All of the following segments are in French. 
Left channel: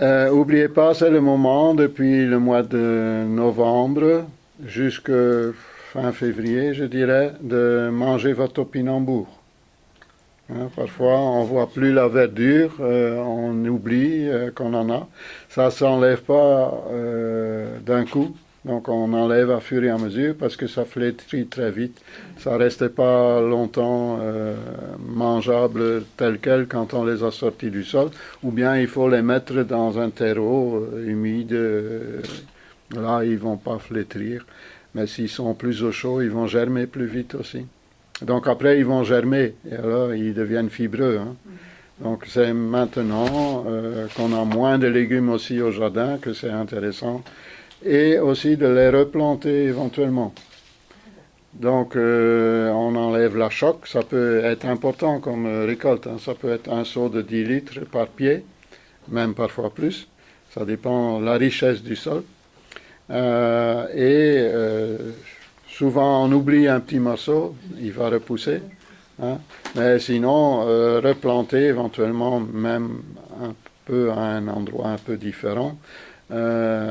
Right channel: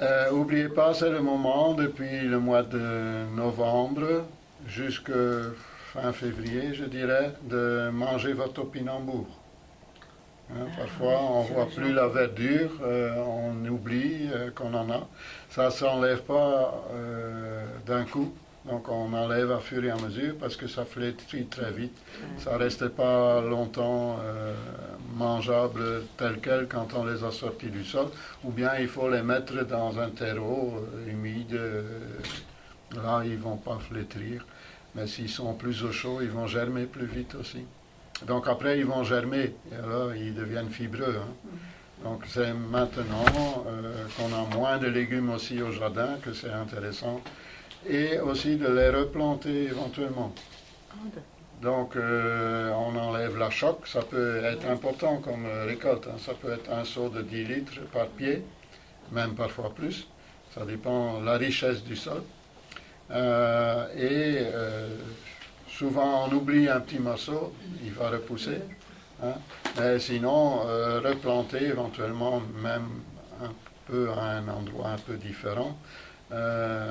Oubliez pas, c'est le moment depuis le mois de novembre jusqu'à fin février, je dirais, de manger votre topinambour. Hein, parfois, on C'est voit plus vachement la bon. verdure, on oublie qu'on en a. Ça s'enlève pas d'un coup, donc on enlève à fur et à mesure parce que ça flétrit très vite. Ouais. Ça reste pas longtemps mangeable tel quel quand on les a sortis du sol, ou bien il faut les mettre dans un terreau humide. Là, ils vont pas flétrir, mais s'ils sont plus au chaud, ils vont germer plus vite aussi. Donc après, ils vont germer et alors ils deviennent fibreux. Hein. Donc c'est maintenant qu'on a moins de légumes aussi au jardin que c'est intéressant. Et aussi de les replanter éventuellement. Donc on enlève la choc, ça peut être important comme récolte. Hein. Ça peut être un seau de 10 litres par pied, même parfois plus. Ça dépend de la richesse du sol. Souvent on oublie un petit morceau, il va repousser. Hein. Mais sinon, replanter éventuellement même un peu à un endroit un peu différent, euh,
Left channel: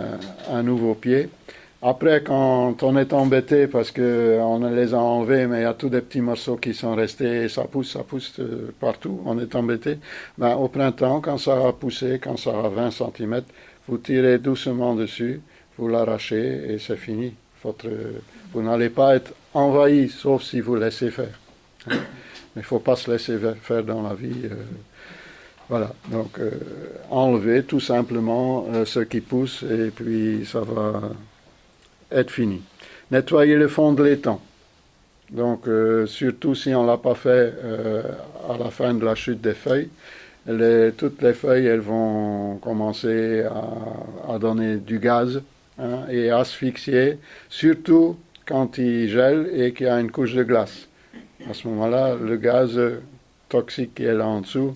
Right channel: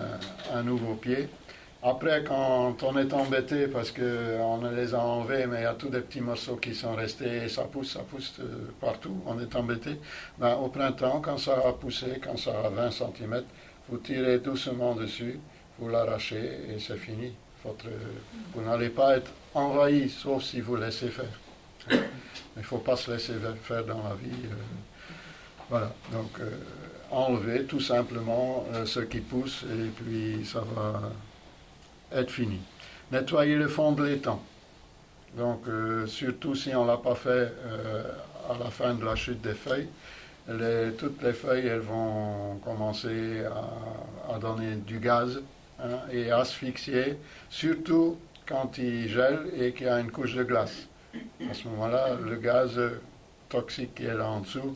un nouveau pied. Après, quand on est embêté parce qu'on les a enlevés, mais il y a tous des petits morceaux qui sont restés et ça pousse partout, on est embêté. Ben, au printemps, quand ça a poussé, quand ça a 20 cm, vous tirez doucement dessus, vous l'arrachez et c'est fini. Vous n'allez pas être envahi, sauf si vous laissez faire. Mais il ne faut pas se laisser faire dans la vie. Voilà, donc enlever tout simplement ce qui pousse et puis ça va être fini. Nettoyer le fond de l'étang. Donc surtout si on ne l'a pas fait à la fin de la chute des feuilles, toutes les feuilles elles vont commencer à donner du gaz hein, et asphyxier, surtout quand il gèle et qu'il y a une couche de glace. À ce moment-là, le gaz toxique qui est là en dessous,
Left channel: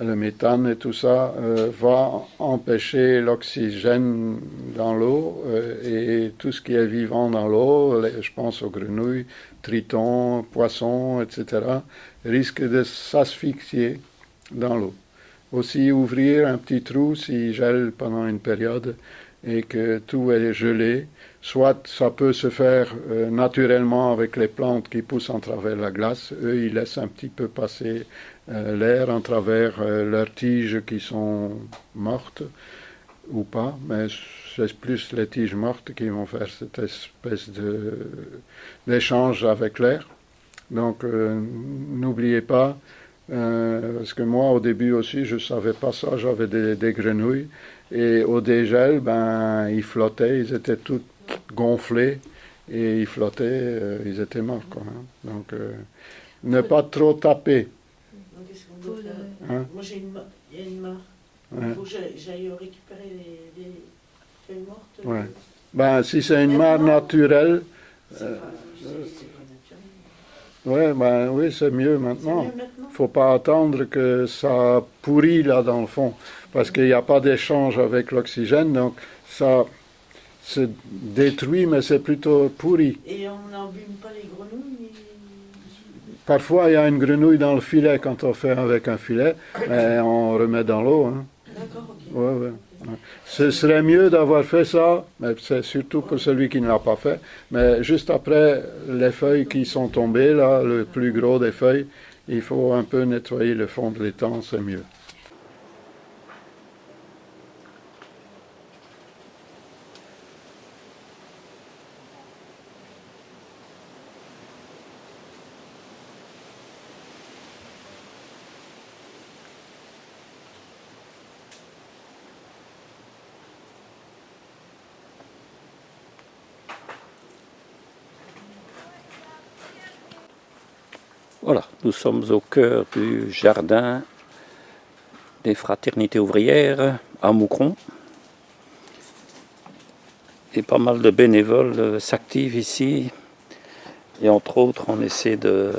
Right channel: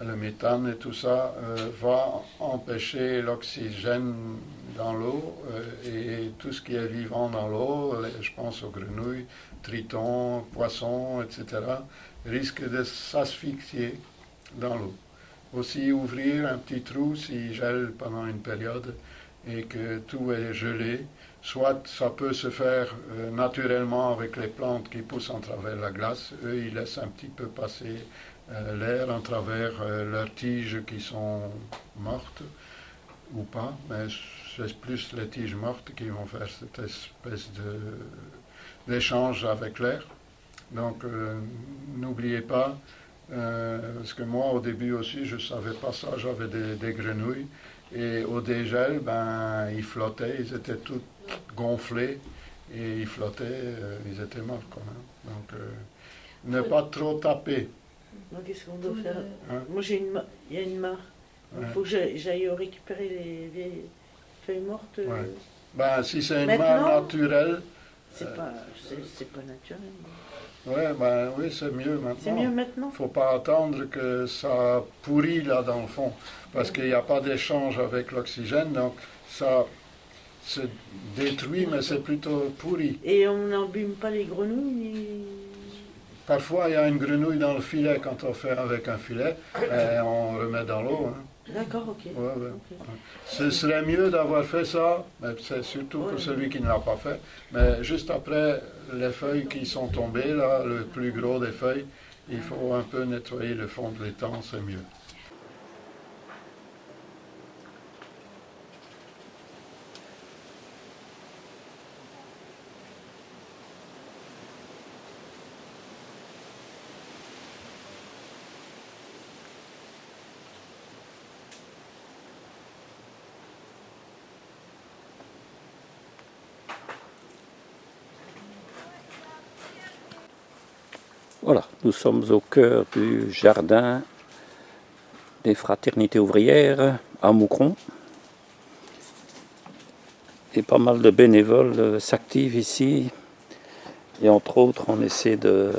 le méthane et tout ça, va empêcher l'oxygène dans l'eau et tout ce qui est vivant dans l'eau, je pense aux grenouilles, tritons, poissons, etc., risque de s'asphyxier dans l'eau. Aussi ouvrir un petit trou s'il gèle pendant une période et que tout est gelé. Soit ça peut se faire naturellement avec les plantes qui poussent en travers la glace. Eux, ils laissent un petit peu passer l'air en travers leurs tiges qui sont mortes ou pas, mais c'est plus les tiges mortes qui vont faire cette espèce d'échange avec l'air. Donc n'oubliez pas, parce que moi au début aussi je ne savais pas ça, j'avais des grenouilles et au dégel, ben, ils flottaient, ils étaient tous gonflés et ils flottaient, ils étaient morts. Quoi, hein. Donc ne pas trop taper. Donc, qu'est-ce qu'on doit faire? Hein. Moi, il y a une mare. Il Ouais. faut que j'aille récupérer les feuilles mortes. Ouais. Ben, si c'est une mare Maintenant, naturelle, c'est pas naturel. ouais, ben, oui, c'est mieux C'est mieux maintenant. maintenant? Faut pas attendre que ça pourrit là dans le fond, parce qu'il n'y a pas d'échange avec l'oxygène, donc ça se détruit, mais c'est plutôt pourri. Et on n'embume pas les grenouilles? Parfois, il y a une grenouille dans le filet quand on fait avec un filet, mais on remet dans l'eau. Hein. D'accord, ok. Ouais, ouais. Ok. Ce serait mieux d'avoir fait ça, mais c'est surtout pour celui qui ne l'a pas fait. Mais juste après les feuilles qui sont tombées, là, le plus gros des feuilles, il faut un peu nettoyer le fond de l'étang, c'est mieux. Voilà, nous sommes au cœur du jardin des fraternités ouvrières à Moucron. Et pas mal de bénévoles s'activent ici. Et entre autres, on essaie de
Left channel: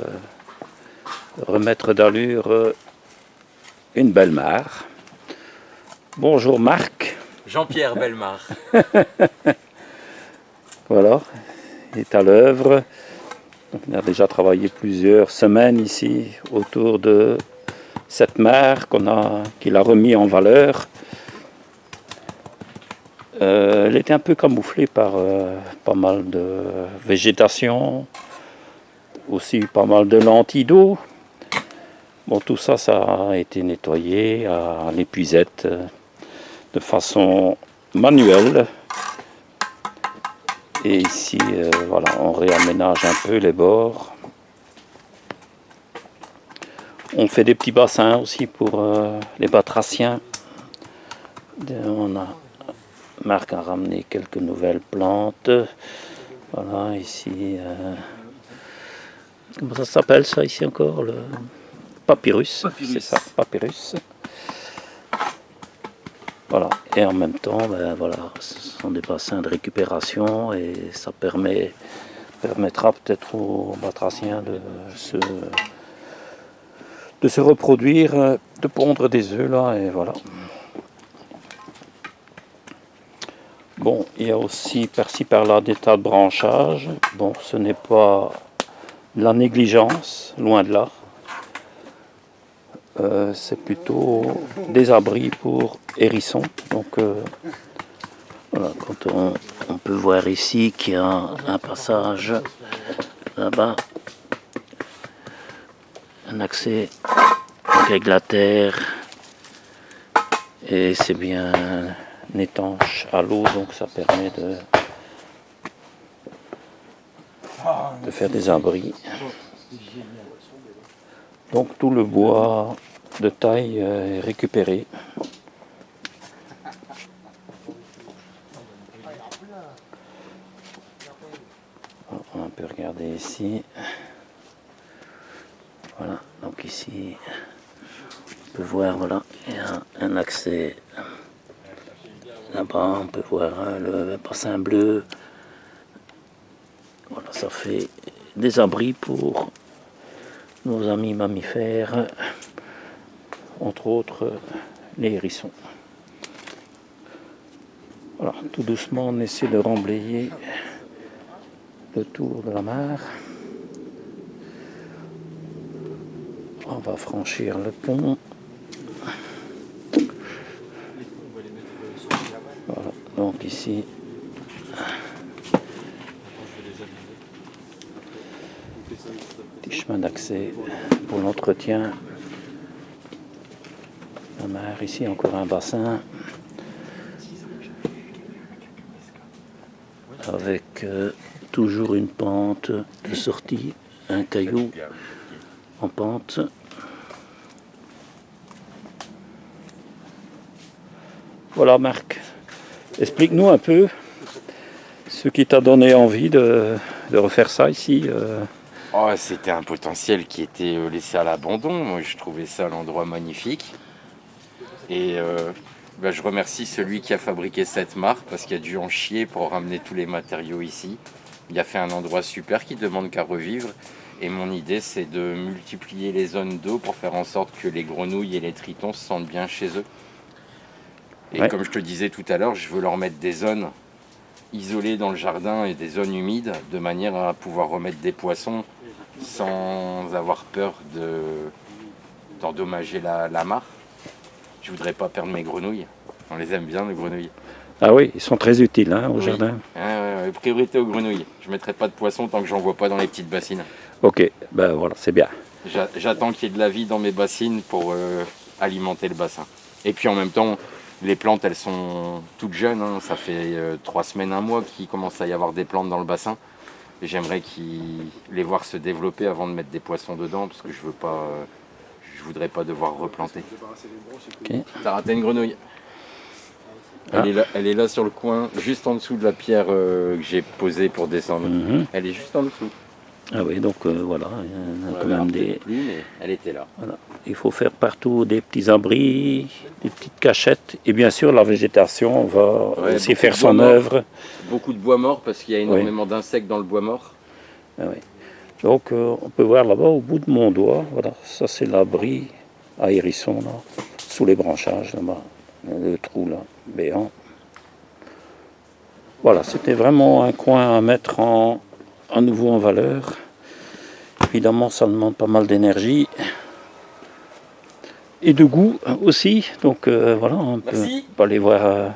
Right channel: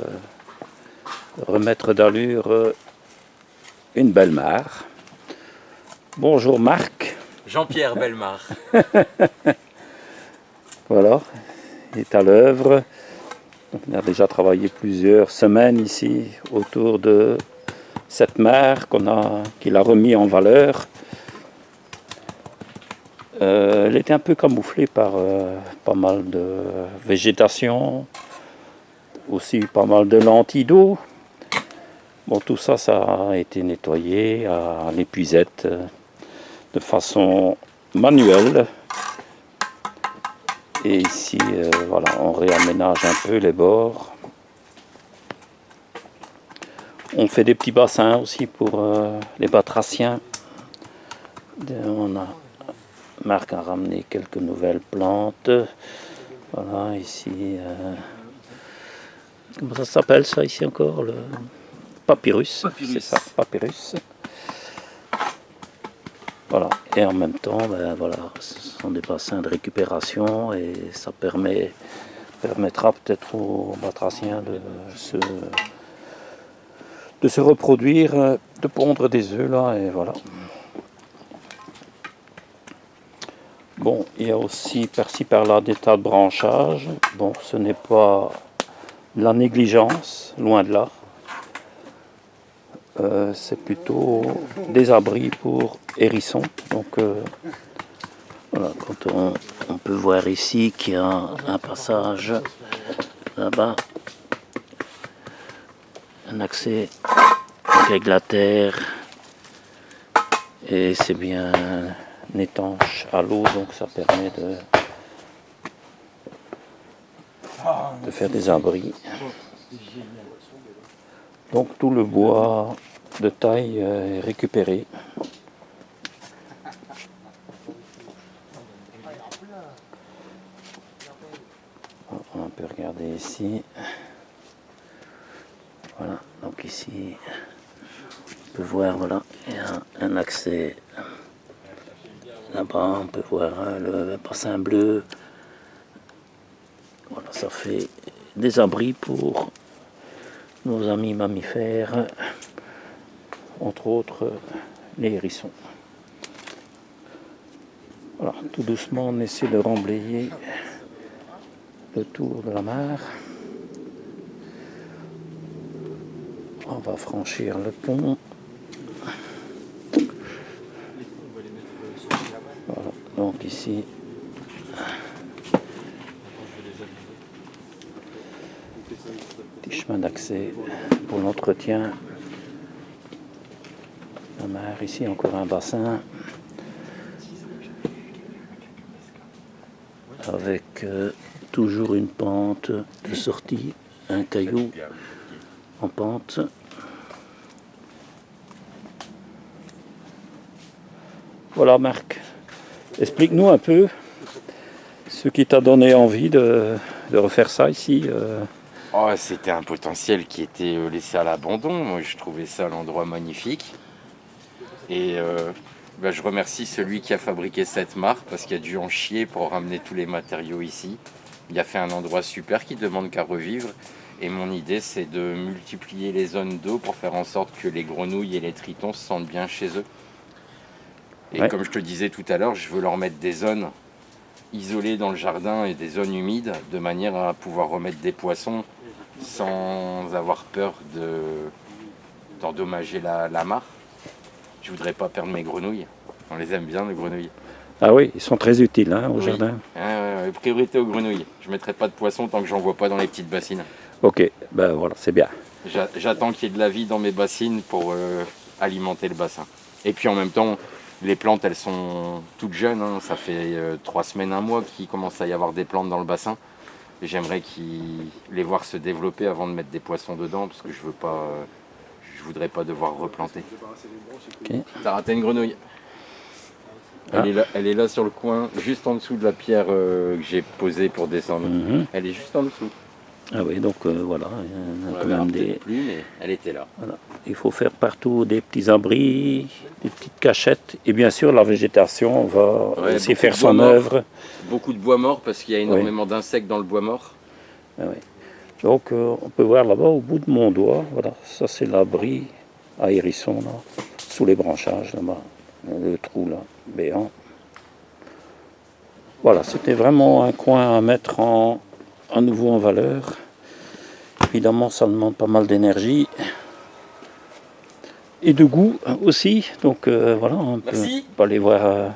remettre d'allure une belle mare. Bonjour Marc. Jean-Pierre Belmar. Voilà, il est à l'œuvre. On a déjà travaillé plusieurs semaines ici autour de cette mare qu'il a remis en valeur. Elle était un peu camouflée par pas mal de végétation, aussi pas mal de lentilles d'eau. Bon, tout ça, ça a été nettoyé à l'épuisette de façon manuelle. Et ici, voilà, on réaménage un peu les bords. On fait des petits bassins aussi pour les batraciens. Marc a ramené quelques nouvelles plantes. Voilà, ici. Comment ça s'appelle ça ici encore? Le papyrus. C'est ça, papyrus. Voilà. Et en même temps, ben, voilà, ce sont des bassins de récupération et ça permettra peut-être aux batraciens de se reproduire, de pondre des œufs là, et voilà. Bon, il y a aussi par-ci par-là des tas de branchages. Bon, ce n'est pas la négligence, loin de là. C'est plutôt des abris pour hérissons. Donc voilà, quand on peut voir ici qu'il y a un passage là-bas, un accès avec la terre, et c'est bien étanche à l'eau, donc ça permet de faire des abris. Donc tout le bois de taille est récupéré. On peut regarder ici. Voilà, donc ici, on peut voir, voilà, il y a un accès. Là-bas, on peut voir le bassin bleu. Voilà, ça fait des abris pour nos amis mammifères, entre autres les hérissons. Voilà, tout doucement, on essaie de remblayer le tour de la mare. On va franchir le pont. Voilà, donc ici, petit chemin d'accès pour l'entretien. La mer, ici encore un bassin avec toujours une pente de sortie, un caillou en pente. Voilà Marc, explique-nous un peu ce qui t'a donné envie de refaire ça ici. Oh, c'était un potentiel qui était laissé à l'abandon. Moi, je trouvais ça l'endroit magnifique. Et je remercie celui qui a fabriqué cette mare parce qu'il a dû en chier pour ramener tous les matériaux ici. Il a fait un endroit super qui demande qu'à revivre. Et mon idée, c'est de multiplier les zones d'eau pour faire en sorte que les grenouilles et les tritons se sentent bien chez eux. Et Ouais. comme je te disais tout à l'heure, je veux leur mettre des zones isolées dans le jardin et des zones humides de manière à pouvoir remettre des poissons sans avoir peur d'endommager la mare. Je voudrais pas perdre mes grenouilles. On les aime bien, les grenouilles. Ah oui, ils sont très utiles hein, au Oui. jardin. Ouais, priorité aux grenouilles. Je mettrai pas de poissons tant que j'en vois pas dans les petites bassines. Ok, ben voilà, c'est bien. J'attends qu'il y ait de la vie dans mes bassines pour alimenter le bassin. Et puis en même temps, les plantes, elles sont toutes jeunes. Hein. Ça fait 3 semaines, 1 mois qu'il commence à y avoir des plantes dans le bassin. Et j'aimerais les voir se développer avant de mettre des poissons dedans parce que je voudrais pas devoir replanter. Ok. T'as raté une grenouille. Ah. Elle est là sur le coin, juste en dessous de la pierre que j'ai posée pour descendre. Mhm. Elle est juste en dessous. Ah oui, donc voilà, il y en a On quand la verra même peut-être des... plus, mais elle était là. Voilà. Il faut faire partout des petits abris, des petites cachettes. Et bien sûr, la végétation va Ouais, aussi beaucoup faire de son bois mort. œuvre. Beaucoup de bois mort parce qu'il y a énormément d'insectes dans le bois mort. Ah oui. Donc on peut voir là-bas au bout de mon doigt, voilà, ça c'est l'abri à hérisson, là, sous les branchages, là-bas, le trou là, béant. Voilà, c'était vraiment un coin à mettre à nouveau en valeur. Évidemment, ça demande pas mal d'énergie et de goût aussi. Donc voilà, on peut Merci. aller voir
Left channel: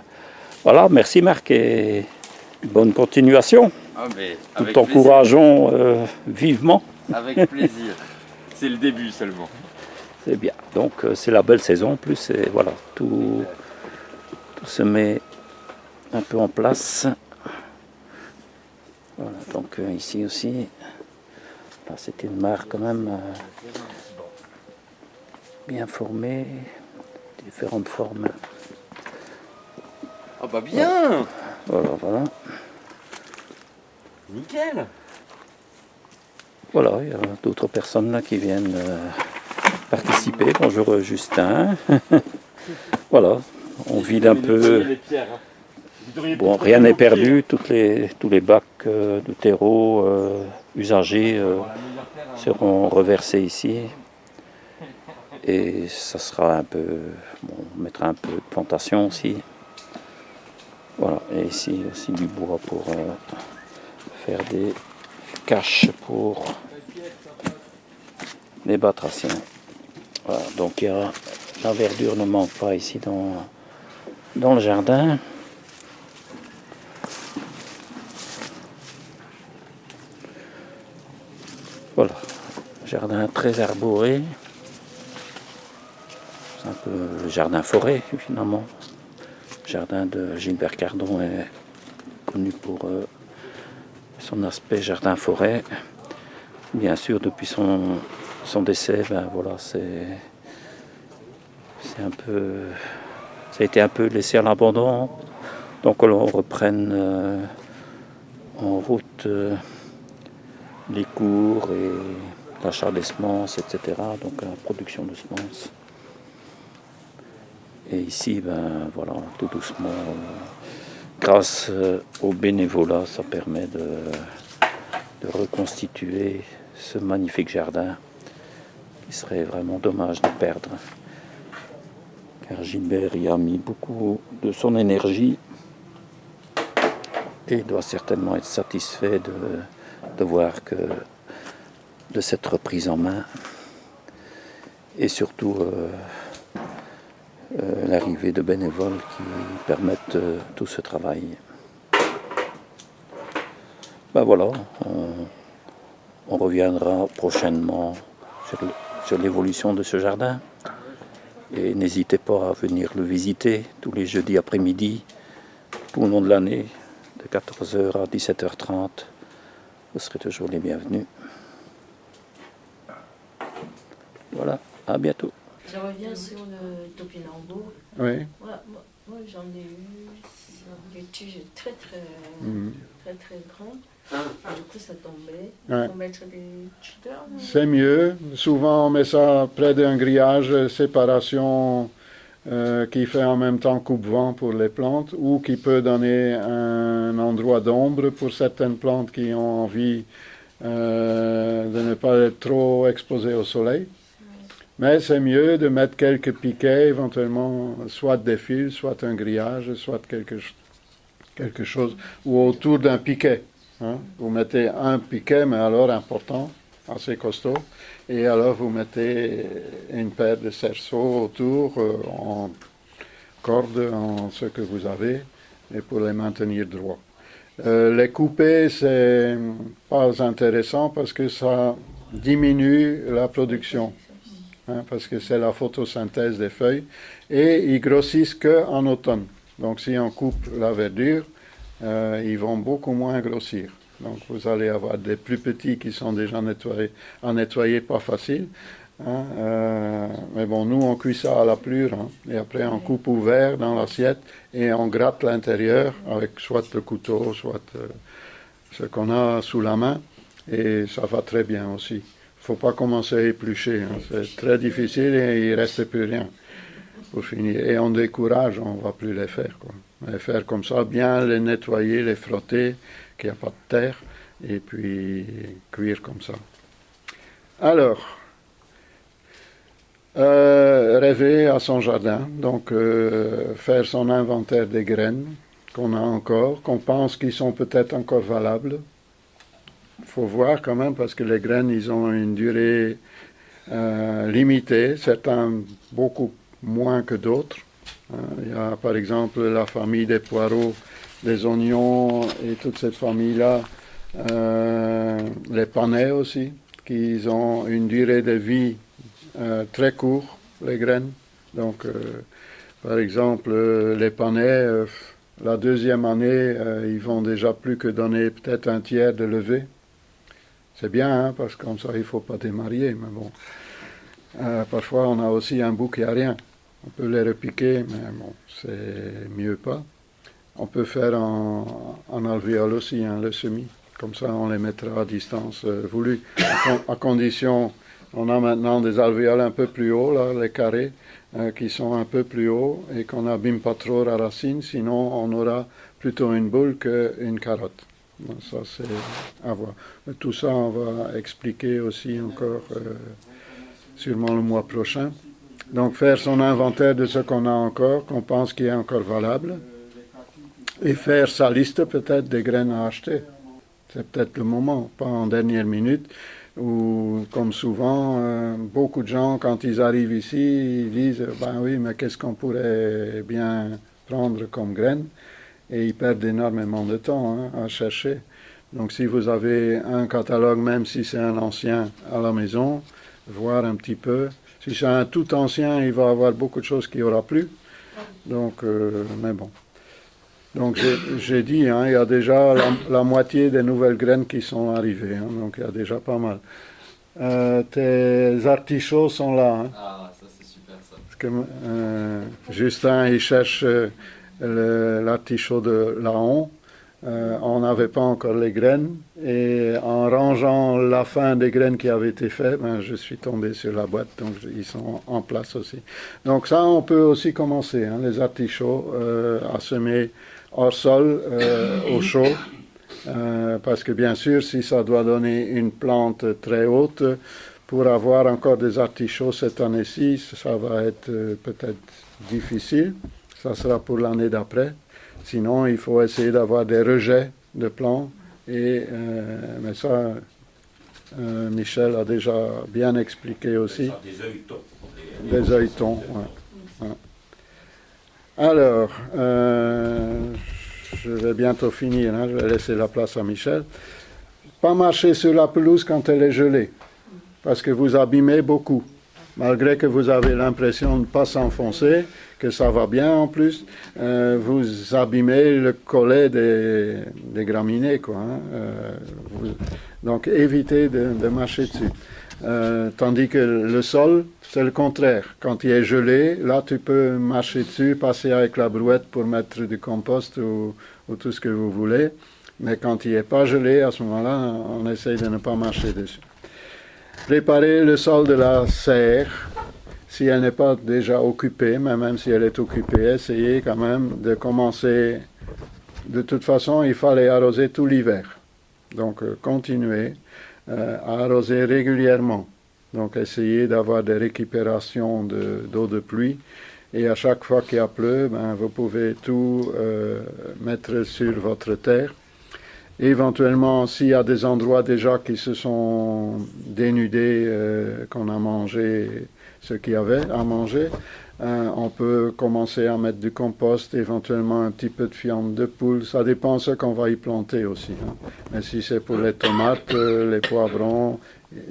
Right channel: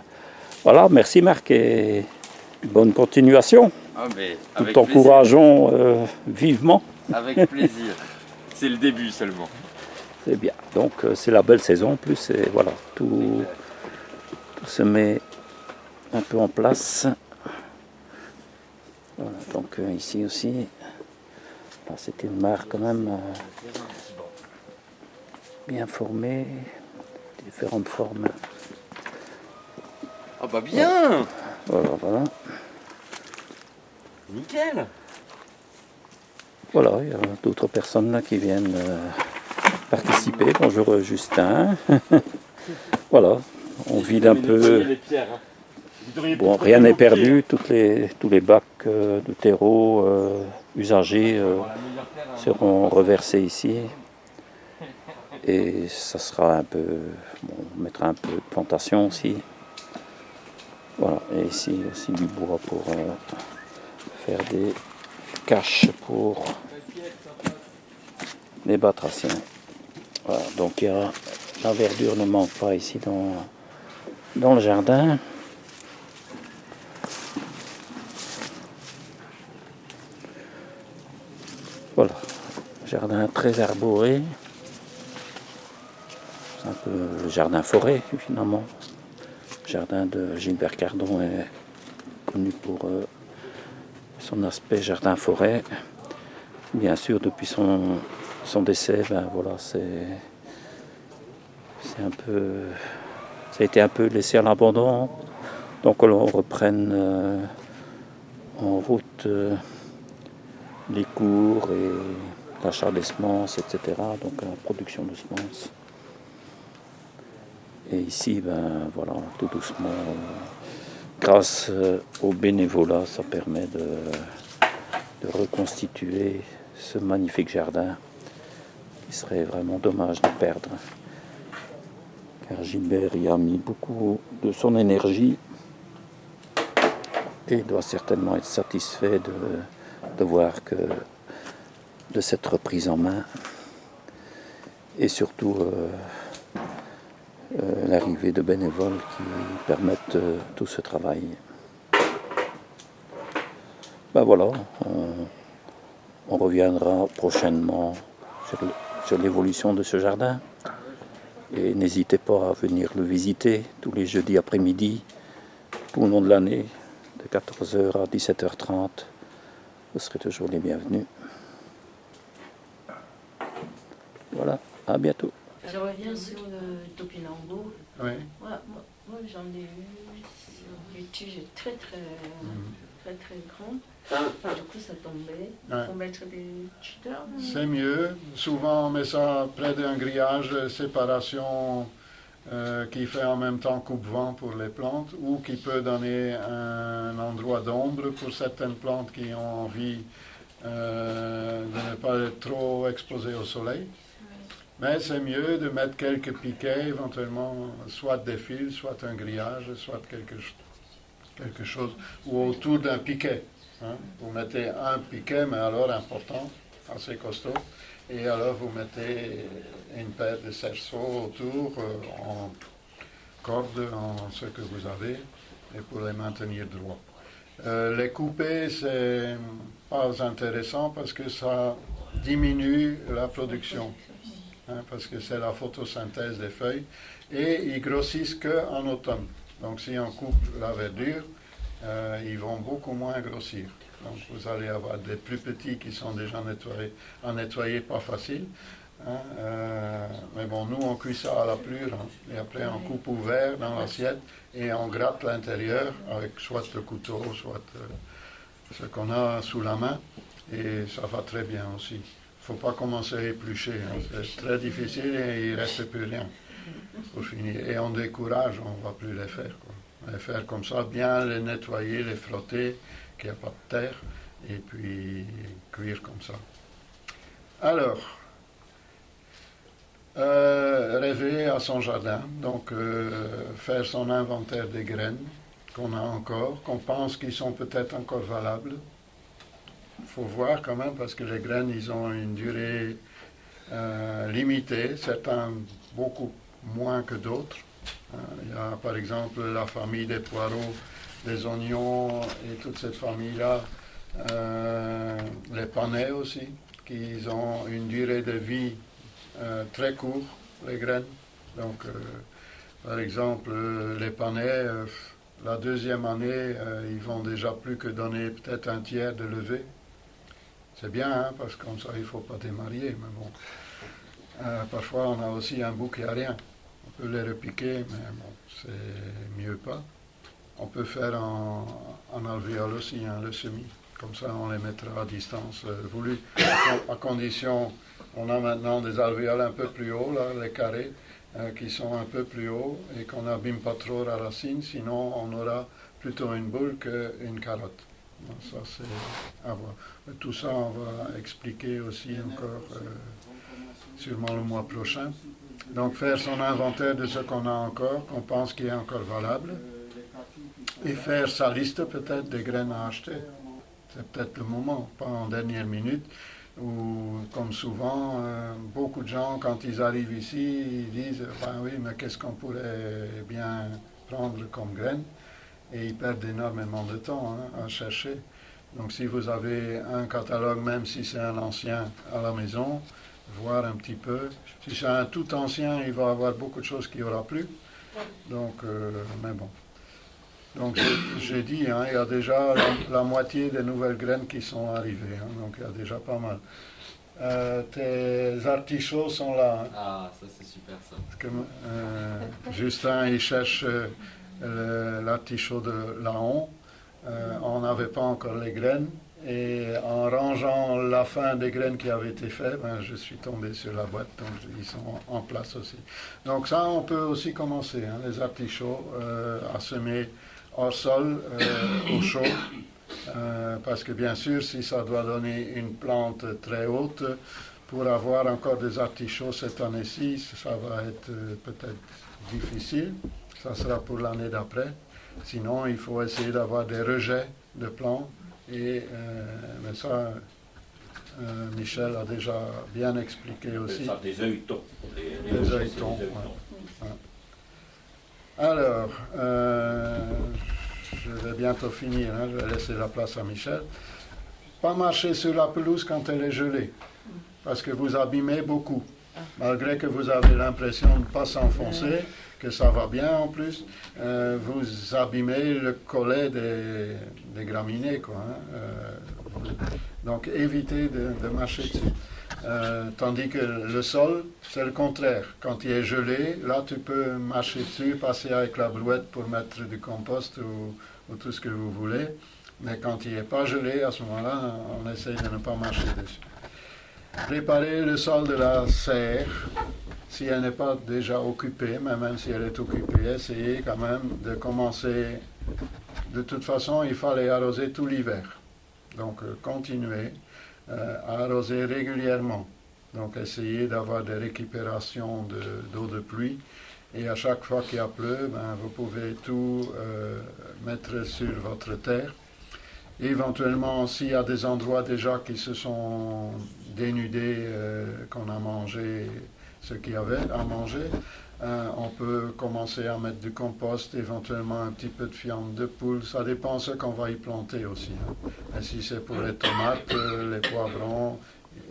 Voilà, merci Marc et bonne continuation. Ah, mais Nous avec t'encourageons vivement. plaisir. Avec plaisir. C'est le début seulement. C'est bien. Donc c'est la belle saison en plus et voilà, tout se met un peu en place. Voilà, donc ici aussi, là, c'est une mare quand même bien formée, différentes formes. Ah bah bien. Voilà, voilà. Nickel. Voilà, il y a d'autres personnes là qui viennent participer. Bonjour Justin. Voilà, on vide un peu. Bon, rien n'est perdu, tous les bacs de terreau usagés seront reversés ici. Et ça sera un peu, bon, on mettra un peu de plantation aussi. Voilà, et ici aussi du bois pour faire des caches pour les batraciens. Voilà, donc la verdure ne manque pas ici dans le jardin. Voilà, jardin très arboré. C'est un peu le jardin forêt finalement. Le jardin de Gilbert Cardon est connu pour son aspect jardin forêt. Bien sûr, depuis son décès, ben voilà, c'est un peu, ça a été un peu laissé à l'abandon. Donc on reprenne en route les cours et l'achat des semences, etc. Donc la production de semences. Et ici, ben voilà, tout doucement, grâce au bénévolat, ça permet de reconstituer ce magnifique jardin qui serait vraiment dommage de perdre. Car Gilbert y a mis beaucoup de son énergie et doit certainement être satisfait de voir que de cette reprise en main et surtout l'arrivée de bénévoles qui permettent tout ce travail. Ben voilà, on reviendra prochainement sur l'évolution de ce jardin. Et n'hésitez pas à venir le visiter tous les jeudis après-midi, tout le long de l'année, de 14h à 17h30. Vous serez toujours les bienvenus. Voilà, à bientôt. Je reviens sur le topinambour. Oui. Moi j'en ai eu des tiges très grandes. Et du coup ça tombait. Il faut mettre des tuteurs. C'est mieux. Souvent on met ça près d'un grillage, séparation qui fait en même temps coupe-vent pour les plantes ou qui peut donner un endroit d'ombre pour certaines plantes qui ont envie de ne pas être trop exposées au soleil. Mais c'est mieux de mettre quelques piquets, éventuellement, soit des fils, soit un grillage, soit quelque chose, ou autour d'un piquet. Hein. Vous mettez un piquet, mais alors important, assez costaud, et alors vous mettez une paire de cerceaux autour, en corde, en ce que vous avez, et pour les maintenir droits. Les couper, c'est pas intéressant parce que ça diminue la production. Parce que c'est la photosynthèse des feuilles, et ils grossissent qu'en automne. Donc si on coupe la verdure, ils vont beaucoup moins grossir. Donc vous allez avoir des plus petits qui sont déjà nettoyés, à nettoyer pas facile. Mais bon, nous on cuit ça à la plure, et après on coupe ouvert dans l'assiette, et on gratte l'intérieur avec soit le couteau, soit ce qu'on a sous la main, et ça va très bien aussi. Il ne faut pas commencer à éplucher, c'est très difficile et il ne reste plus rien pour finir. Et on décourage, on ne va plus les faire. On va les faire comme ça, bien les nettoyer, les frotter, qu'il n'y a pas de terre, et puis cuire comme ça. Alors, rêver à son jardin, donc faire son inventaire des graines qu'on a encore, qu'on pense qu'ils sont peut-être encore valables. Il faut voir quand même parce que les graines, ils ont une durée limitée, certains beaucoup moins que d'autres. Il y a par exemple la famille des poireaux, des oignons et toute cette famille-là. Les panais aussi, qui ont une durée de vie très courte, les graines. Donc, par exemple, les panais, la deuxième année, ils vont déjà plus que donner peut-être un tiers de levée. C'est bien, hein, parce que comme ça, il ne faut pas démarier, mais bon. Parfois, on a aussi un bout qui n'a rien. On peut les repiquer, mais bon, c'est mieux pas. On peut faire en alvéole aussi, hein, le semis. Comme ça, on les mettra à distance voulue. À condition, on a maintenant des alvéoles un peu plus hauts, là, les carrés, qui sont un peu plus hauts et qu'on n'abîme pas trop la racine. Sinon, on aura plutôt une boule qu'une carotte. Donc ça, c'est à voir. Mais tout ça, on va expliquer aussi encore sûrement le mois prochain. Donc faire son inventaire de ce qu'on a encore, qu'on pense qui est encore valable, et faire sa liste peut-être des graines à acheter. C'est peut-être le moment, pas en dernière minute, où comme souvent, beaucoup de gens, quand ils arrivent ici, ils disent « ben oui, mais qu'est-ce qu'on pourrait bien prendre comme graines ?» Et ils perdent énormément de temps à chercher. Donc si vous avez un catalogue, même si c'est un ancien à la maison, voir un petit peu. Si c'est un tout ancien, il va y avoir beaucoup de choses qu'il n'y aura plus. Donc, mais bon. Donc j'ai dit, hein, il y a déjà la moitié des nouvelles graines qui sont arrivées. Hein, donc il y a déjà pas mal. Tes artichauts sont là. Hein, Ah, ça c'est super ça. parce que, Justin, il cherche l'artichaut de Laon. On n'avait pas encore les graines et en rangeant la fin des graines qui avaient été faites, ben, je suis tombé sur la boîte, donc ils sont en place aussi. Donc ça, on peut aussi commencer, hein, les artichauts, à semer hors sol, au chaud, parce que bien sûr, si ça doit donner une plante très haute, pour avoir encore des artichauts cette année-ci, ça va être peut-être difficile, ça sera pour l'année d'après. Sinon, il faut essayer d'avoir des rejets de plants. Mais ça, Michel a déjà bien expliqué aussi. Ça, des œilletons. Des œilletons, ouais. Alors, je vais bientôt finir, hein, je vais laisser la place à Michel. Pas marcher sur la pelouse quand elle est gelée, parce que vous abîmez beaucoup. Malgré que vous avez l'impression de ne pas s'enfoncer, que ça va bien en plus, vous abîmez le collet des graminées, quoi. Hein. Donc évitez de marcher dessus. Tandis que le sol, c'est le contraire. Quand il est gelé, là tu peux marcher dessus, passer avec la brouette pour mettre du compost ou tout ce que vous voulez. Mais quand il n'est pas gelé, à ce moment-là, on essaye de ne pas marcher dessus. Préparer le sol de la serre, si elle n'est pas déjà occupée, mais même si elle est occupée, essayez quand même de commencer. De toute façon, il fallait arroser tout l'hiver. Donc, continuez à arroser régulièrement. Donc, essayez d'avoir des récupérations d'eau de pluie. Et à chaque fois qu'il y a plu, ben, vous pouvez tout mettre sur votre terre. Éventuellement, s'il y a des endroits déjà qui se sont dénudés, qu'on a mangé ce qu'il y avait à manger, on peut commencer à mettre du compost, éventuellement un petit peu de viande de poule. Ça dépend de ce qu'on va y planter aussi. Hein. Mais si c'est pour les tomates, les poivrons,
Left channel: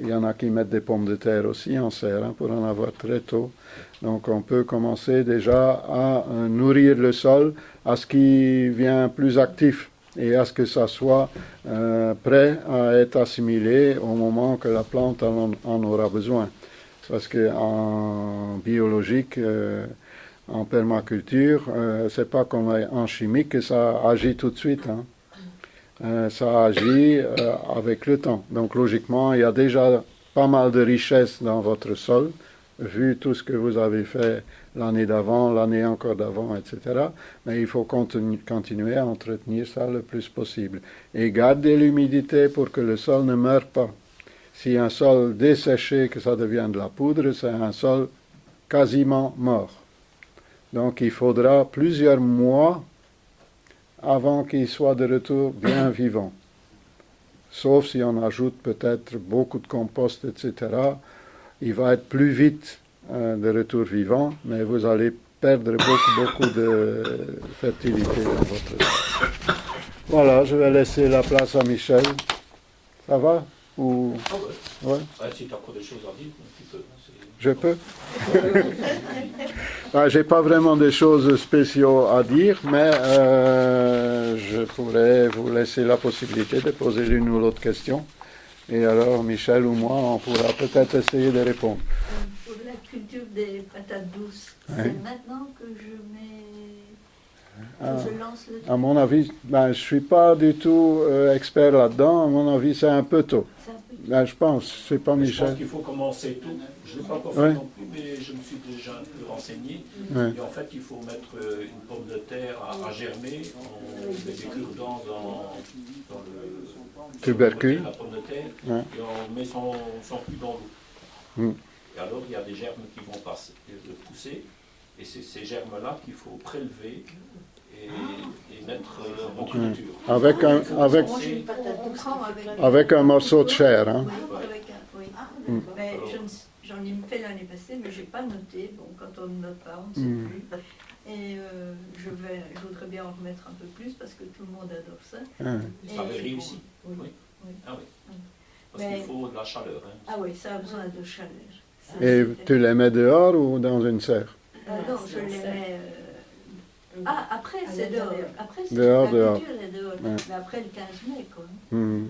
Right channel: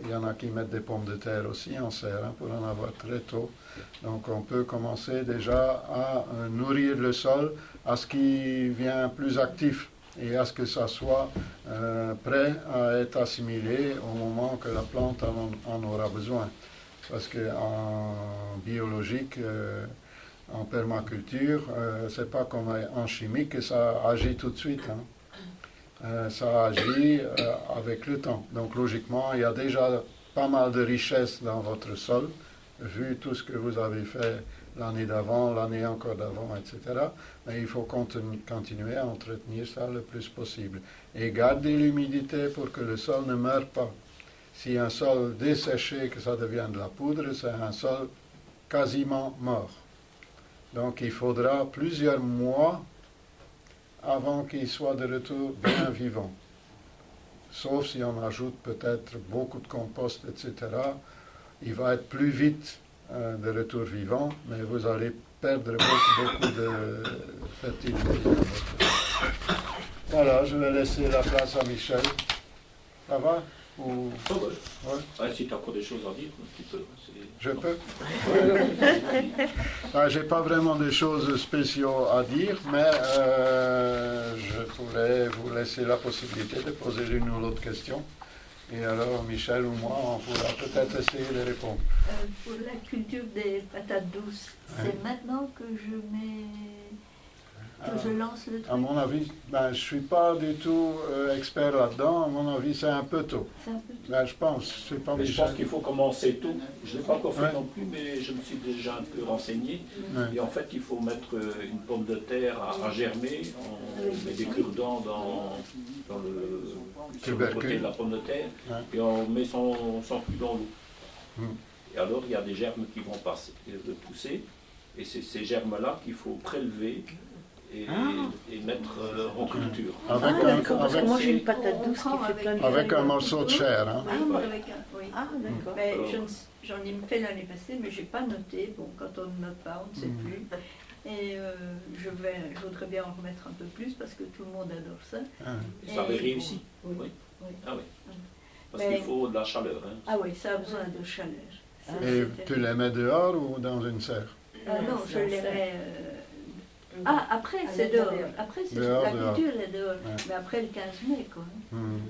il y en a qui mettent des pommes de terre aussi en serre, hein, pour en avoir très tôt. Donc on peut commencer déjà à nourrir le sol à ce qui vient plus actif, et à ce que ça soit prêt à être assimilé au moment que la plante en aura besoin. Parce qu'en biologique, en permaculture, c'est pas comme en chimique que ça agit tout de suite. Hein. Ça agit avec le temps. Donc logiquement, il y a déjà pas mal de richesse dans votre sol, vu tout ce que vous avez fait l'année d'avant, l'année encore d'avant, etc. Mais il faut continuer à entretenir ça le plus possible. Et garder l'humidité pour que le sol ne meure pas. Si un sol desséché, que ça devient de la poudre, c'est un sol quasiment mort. Donc il faudra plusieurs mois avant qu'il soit de retour bien vivant. Sauf si on ajoute peut-être beaucoup de compost, etc. Il va être plus vite de retour vivant, mais vous allez perdre beaucoup de fertilité dans votre... Voilà, je vais laisser la place à Michel. Ça va? Ou... Ah ouais. Ouais, Ah, si tu as encore des choses à dire, tu peux. je peux? J'ai pas vraiment des choses spéciales à dire, mais je pourrais vous laisser la possibilité de poser l'une ou l'autre question. Et alors, Michel ou moi, on pourra peut-être essayer de répondre. Pour la culture des patates douces, c'est maintenant que je mets... que je lance le truc. À mon avis, je ne suis pas du tout expert là-dedans. À mon avis, c'est un peu tôt. C'est un peu... Je pense, c'est pas Mais je pense Michel. qu'il faut commencer tôt. Je ne l'ai pas encore fait Ouais. non plus, mais je me suis déjà un peu renseigné. Ouais. Et en fait, il faut mettre une pomme de terre à germer. On met des cure-dents dans le Tubercule. côté de la pomme de terre. Ouais. Et on met son cul dans l'eau. Mm. Et alors, il y a des germes qui vont passer, de pousser. Et c'est ces germes-là qu'il faut prélever et mettre en culture. Avec Moi, j'ai une patate douce qui fait plein de... avec un morceau de chair. Hein. Oui, avec un... Oui. Ah, d'accord. Mais j'en ai fait l'année passée, mais j'ai pas noté. Bon, quand on ne note pas, on ne sait plus. Et je voudrais bien en remettre un peu plus parce que tout le monde adore ça. Et ça avait Et- réussi. Oui. Oui. Oui. Ah oui. Parce Mais- qu'il faut de la chaleur. Hein. Ah oui, ça a besoin de chaleur. Ça, Et c'était- tu les mets dehors ou dans une serre? non, je les mets... Ah, après, À c'est dehors. l'intérieur. Après, c'est Dehors, la dehors. culture est dehors. Ouais. Mais après le 15 mai, quoi. Hmm.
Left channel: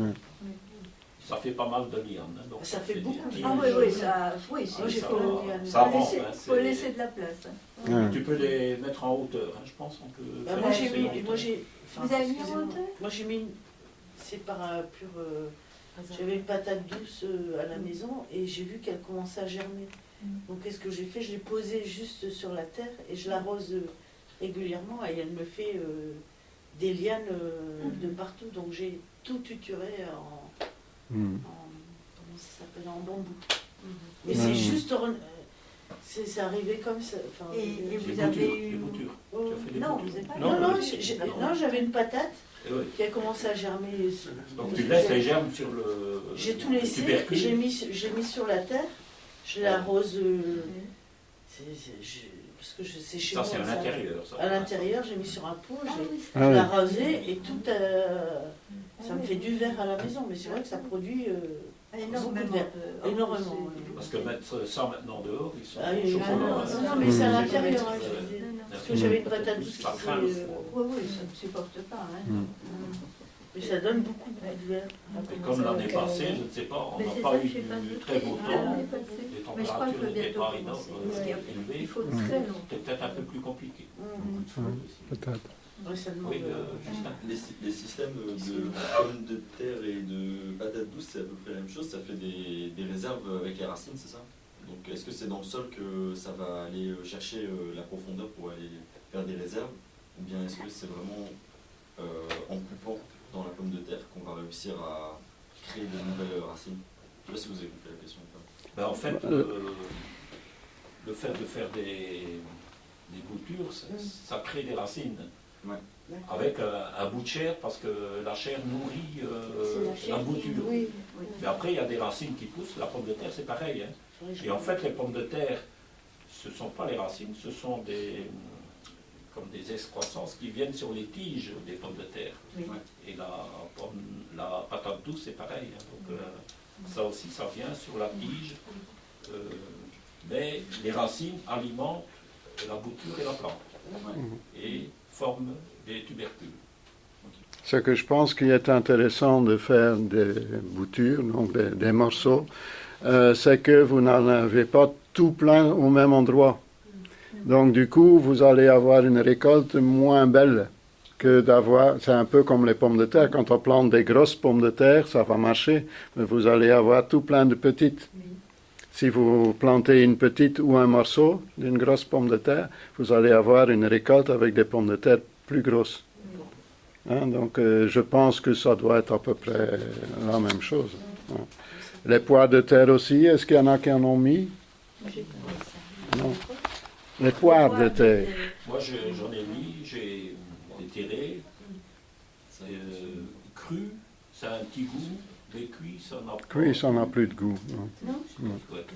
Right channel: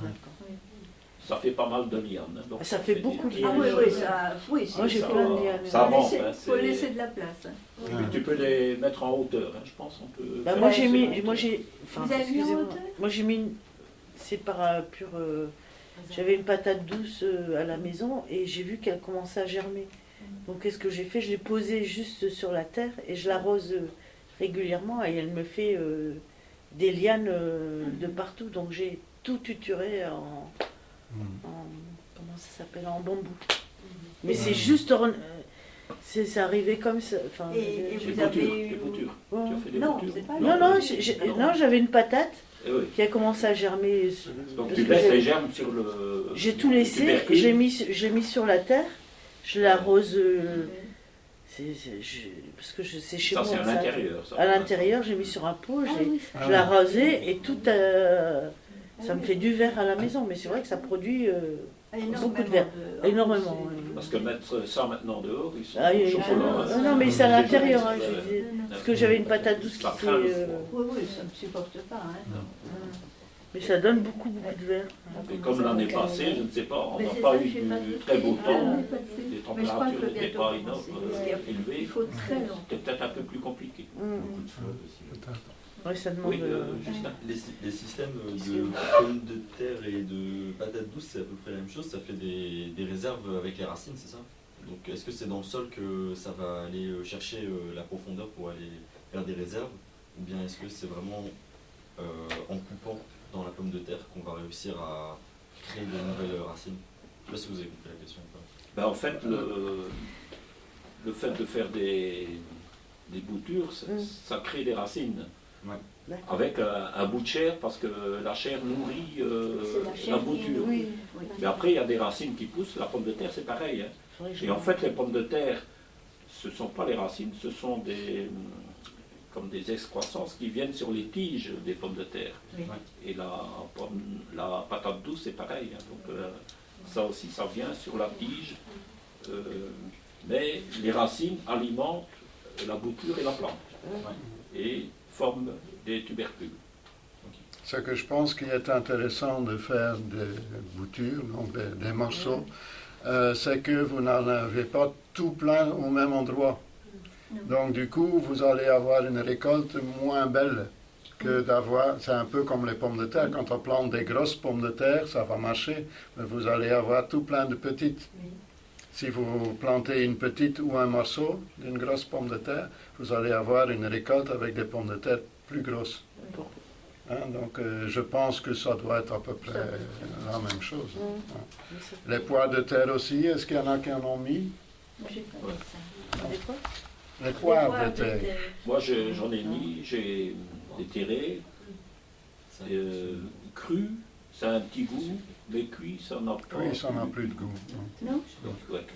Oui. Ça fait pas mal de lianes. Hein, donc Ça fait beaucoup de des- Ah oui, oui, ça... Oui, Moi, j'ai ça- fait l'année. ça faut avance, laisser, hein, faut c'est- laisser de la place. Hein. Ouais. Tu peux les mettre en hauteur, hein, je pense. On peut Bah, faire moi des j'ai mis, séquences. moi j'ai, enfin, Vous avez mis en excusez-moi. hauteur Moi j'ai mis, c'est par pur, j'avais une patate douce à la maison et j'ai vu qu'elle commençait à germer. Donc qu'est-ce que j'ai fait? Je l'ai posée juste sur la terre et je l'arrose régulièrement et elle me fait des lianes de partout. Donc j'ai tout tuturé comment ça s'appelle, en bambou. Mais c'est juste, c'est arrivé comme ça. Enfin, Et je- vous Les avez boutures, eu- les boutures. Ouais. Tu as fait des Non, boutures. c'est pas- Non, non, j'avais une patate Eh oui. qui a commencé à germer. Donc Parce tu que laisses j'ai- les germes sur le. J'ai tout le laissé, tubercule. j'ai mis sur la terre, je l'arrose. Parce que c'est chez Ça, moi. c'est à ça. l'intérieur. ça. À l'intérieur, j'ai mis sur un pot, Ah j'ai oui, Ah je l'ai oui. arrosé et tout. Ça me fait du verre à la maison, mais c'est vrai que ça produit énormément beaucoup de verre. de... Énormément, c'est- ouais. Parce que mettre ça maintenant dehors, ils sont Ah, au oui, chocolat. non, non, mais c'est à l'intérieur. Hein, Ouais. je dis. Non, non. Parce que j'avais une patate douce qui Ça fait. craint le Oui, oui, ça ne supporte pas. Hein. Mais ça donne beaucoup de verre. Et comme l'année passée, je ne sais pas, on Mais n'a c'est pas ça, eu j'ai pas de- très beau Ah, temps. on n'est pas dessus. Les Mais je crois qu'il températures faut n'étaient bientôt pas commencer. élevées. Il faut très longtemps. C'était peut-être un peu plus compliqué. Beaucoup de feu aussi. Peut-être. Ouais, ça demande. Oui, Justin. Les systèmes de pommes de terre et de patates douces, c'est à peu près la même chose. Ça fait des réserves avec les racines, c'est ça? Donc est-ce que c'est dans le sol que ça va aller chercher la profondeur pour aller faire des réserves? Ou bien est-ce que c'est vraiment en coupant dans la pomme de terre qu'on va réussir à créer de nouvelles racines? Je ne sais pas si vous avez compris la question ou pas. Ben, en fait, le fait de faire des boutures, ça crée des racines. Ouais. D'accord. Avec un bout de chair, parce que la chair nourrit C'est la chair la bouture. Oui, oui. Mais après, il y a des racines qui poussent. La pomme de terre, c'est pareil. Hein. Et en fait, les pommes de terre, ce ne sont pas les racines, ce sont comme des excroissances qui viennent sur les tiges des pommes de terre. Oui. Et la patate douce, c'est pareil. Hein. Donc, ça aussi, ça vient sur la tige. Mais les racines alimentent la bouture et la plante. Et forment des tubercules. Ce que je pense qu'il est intéressant de faire des boutures, donc des morceaux, c'est que vous n'en avez pas tout plein au même endroit. Donc du coup, vous allez avoir une récolte moins belle que d'avoir, c'est un peu comme les pommes de terre, quand on plante des grosses pommes de terre, ça va marcher, mais vous allez avoir tout plein de petites. Si vous plantez une petite ou un morceau d'une grosse pomme de terre, vous allez avoir une récolte avec des pommes de terre plus grosses. Hein, donc je pense que ça doit être à peu près la même chose. Ouais. Les poires de terre aussi, est-ce qu'il y en a qui en ont mis? J'ai pas mis ça. Non. Les poires de terre. Moi, j'en ai mis, j'ai déterré, cru, ça a un petit goût, Les cuits, ça n'a pas. Oui, ça n'a plus de goût. Non? Ouais.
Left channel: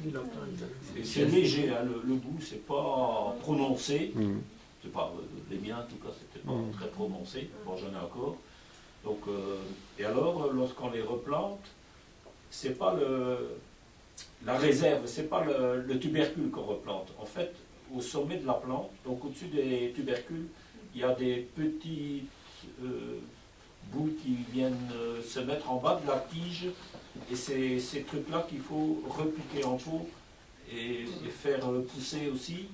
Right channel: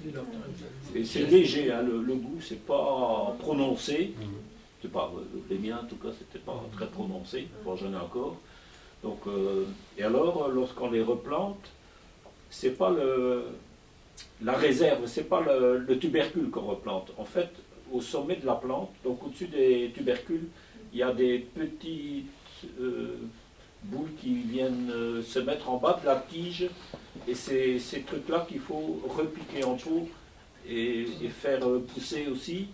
Et c'est léger, hein, le goût, c'est pas prononcé. C'est pas, les miens, en tout cas, c'était pas très prononcé. Bon, j'en ai encore. Donc, et alors, lorsqu'on les replante, c'est pas la réserve, c'est pas le tubercule qu'on replante. En fait, au sommet de la plante, donc au-dessus des tubercules, il y a des petites boules qui viennent se mettre en bas de la tige, et c'est ces trucs-là qu'il faut repiquer en pot et faire pousser aussi,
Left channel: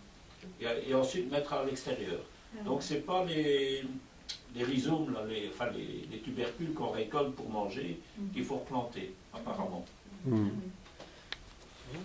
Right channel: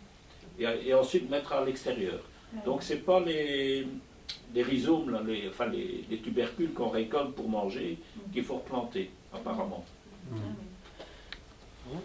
et ensuite mettre à l'extérieur. Donc c'est pas les rhizomes, là, les tubercules qu'on récolte pour manger qu'il faut replanter, apparemment. Ah oui.